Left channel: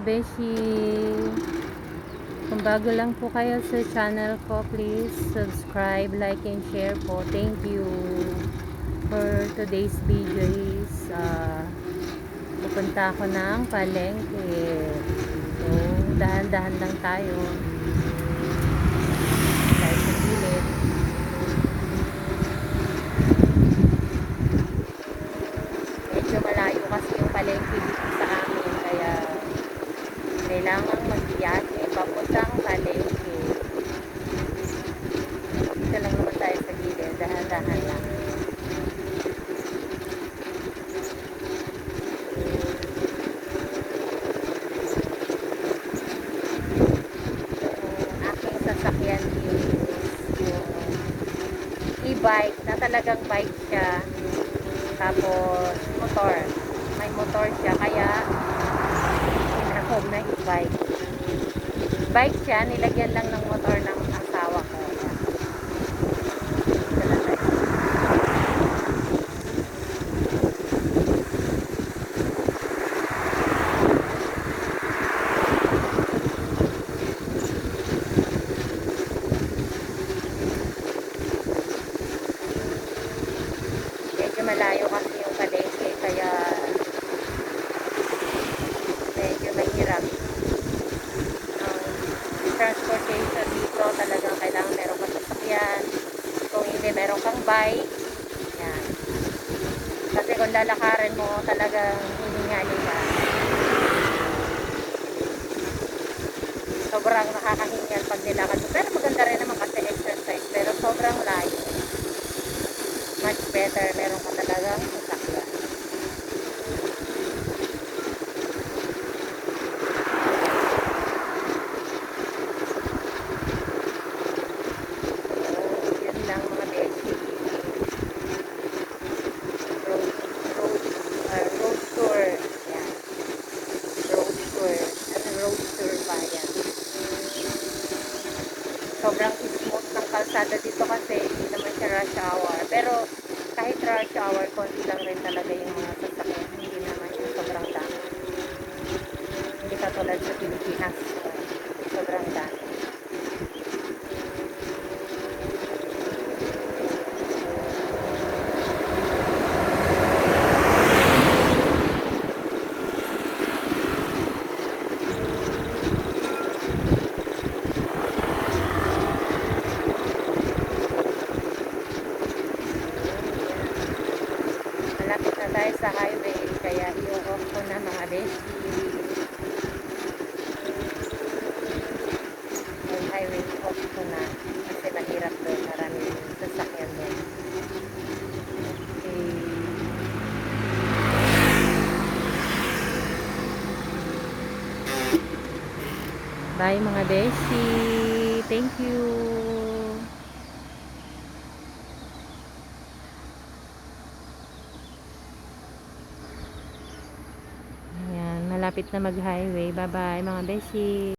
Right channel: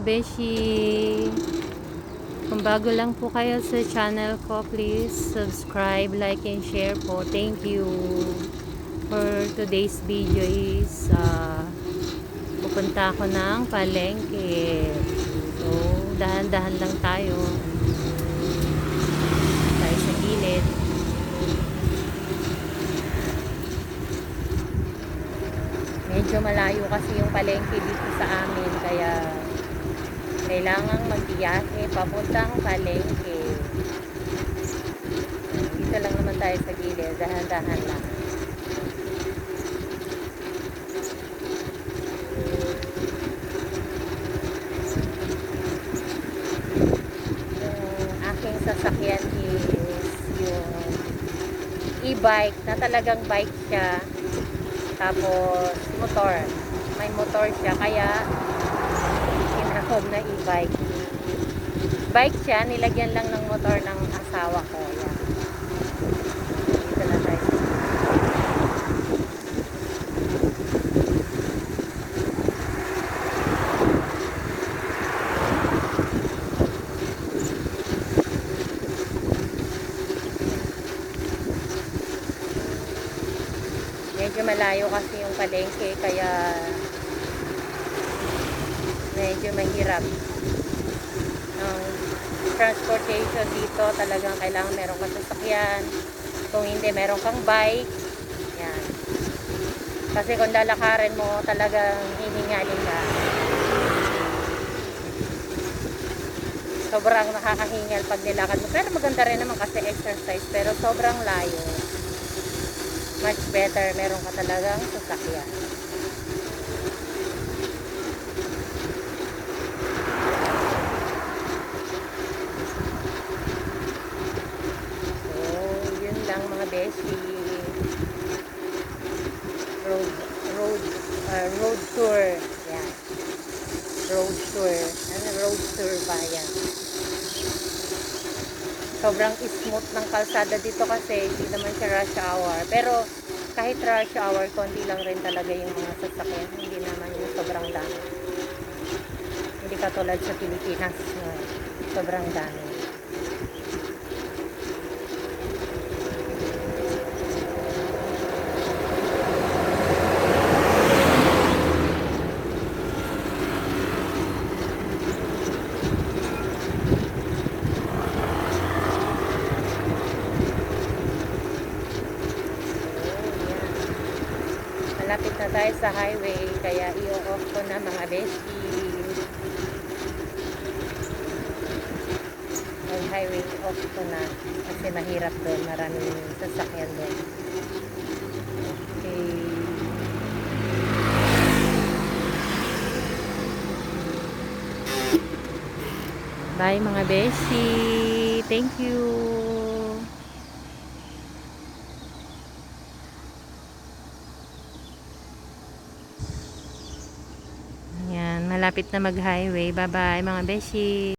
beshi. Kung bago lang po kayo sa channel ko, please subscribe, like, and share po. Thank you. For today's video is pupunta ako ng palengke. So, dahan-dahan lang tayo. Tayo sa gilid. Medyo malayo kasi yung palengke dito sa amin, kaya kailangan mag-iyake papuntang palengke. Dito lang naman tayo sa gilid, dahan-dahan lang. Yung aking sasakyan is yung e-bike na talagang bike siya, tapos motor, may motor siya, kaya tinawag na e-bike. Bike siya, nilagyan lang ng motor ng asawa ko. Medyo malayo kasi yung palengke, kaya medyo mahirap. Transportation dito talagang kailangan meron kang sasakyan. Kung hindi, meron kang bike. Yan. Kasi kung lalakarin mo, talagang hihingalin ka. Sobrang nakakahingal pag nilakad mo. Pero maganda rin naman kasi exercise. Pero sobrang layo. Much better, meron ka talagang sasakyan. Lang mga beshi, road tour. Yan. Road tour. Ano road tour pa yan? Sobrang smooth ng kalsada dito kasi hindi naman siya rush hour. Pero kahit rush hour, konti lang rin talaga yung mga sasakyan. Hindi naman yung sobrang dami. Hindi katulad sa Pilipinas. Sobrang dami. Malapit na tayo sa highway, kaya i-off ko na mga beshi. Ay, highway off ko na kasi mahirap din, maraming sasakyan din. Okay. Bye mga beshi. Thank you. Malapit na mag-highway. Bye-bye mga beshi.